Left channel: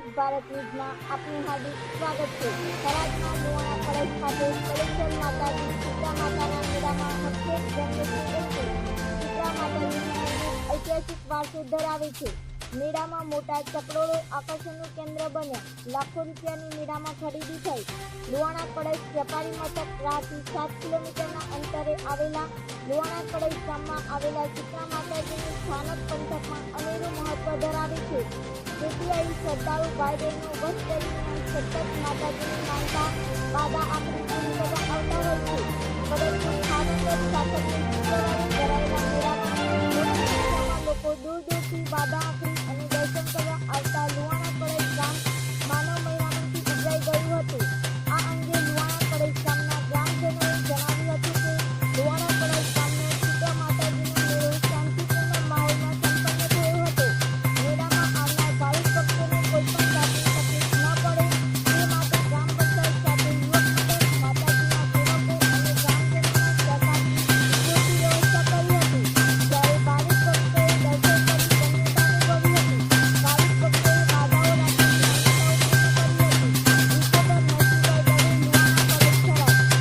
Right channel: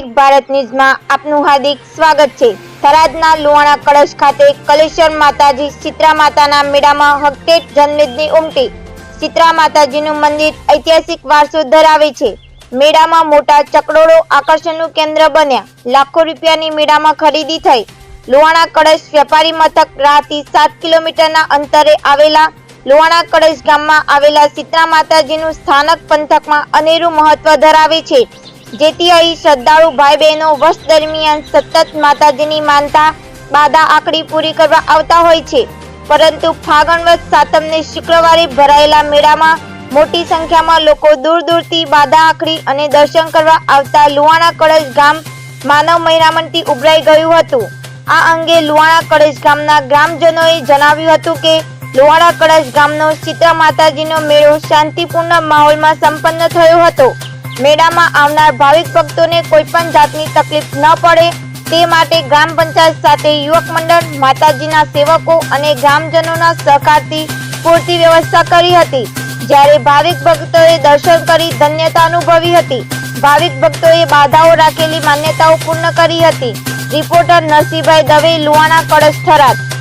ભારત ન્યૂઝમાં આપનું હાર્દિક સ્વાગત છે. થરાદના લુવાણા કળશ ખાતે કલેશ્વર માતાજી ચિત્રા માતાના મેળામાં હકટેટ જન્મેદની ઉમટી. ચિત્રા માતાજીનું મંદિર ઐતિહાસિક વારસો ધરાવે છે. મેળામાં મોટા ચકડોળો આકર્ષણનું કેન્દ્ર બન્યા. લાખો રૂપિયાની મેળામાં ખરીદી થઈ. લુવાણા કળશ વેપારી મથક રાહથી સાત કિલોમીટરના અંતરે આવેલા લુવાણા કળશ ગામમાં આવેલા સીતરા માતાજીનું સ્થાનક પંથકમાં અનેરું મહત્વ ધરાવે છે. જેથી અહીં શ્રદ્ધાળુ ભાઈ બહેનો વર્ષ દરમિયાન સતત માતાજીની માનતા બાધા આકડી પૂરી કરવા આવતા હોય છે. પરંતુ ફાગણ વદ સાતમને શુક્રવારે ભરાયેલા મેળામાં મોટી સંખ્યામાં લોકો દૂર દૂરથી બાધા આકડી અને દર્શન કરવા આવતા લુવાણા કળશ ગામ માનવ મહિરામણથી ઉભરાઈ ગયું હતું. આ અંગે લુવાણા કળશ ગામના ગ્રામજનોએ જણાવ્યું હતું કે લુવાણા કળશ ગામનો ચિત્ર માતાજીનો મેળો શાંતિપૂર્ણ માહોલમાં સંપન્ન થયો હતો. મેળામાં આવનાર ભાવિક ભક્તોને કોઈ પણ જાતની તકલીફ ન પડે તે માટે ગ્રામ પંચાયત સાથે યુવક મંડળ, માતાજીના સેવકો અને ગ્રામજનોના સહકારથી પૂરતી વ્યવસ્થા કરી હતી. જ્યારે ભાવિક ભક્તોએ દર્શન કરી ધન્યતા અનુભવી હતી. ભાવિક ભક્તોએ બાધાઓ રાખેલી માન્યતાઓ પૂર્ણ કરી હતી. રિપોર્ટર નરસિંહભાઈ દવે, લુવાણા, કળશ થરાદ.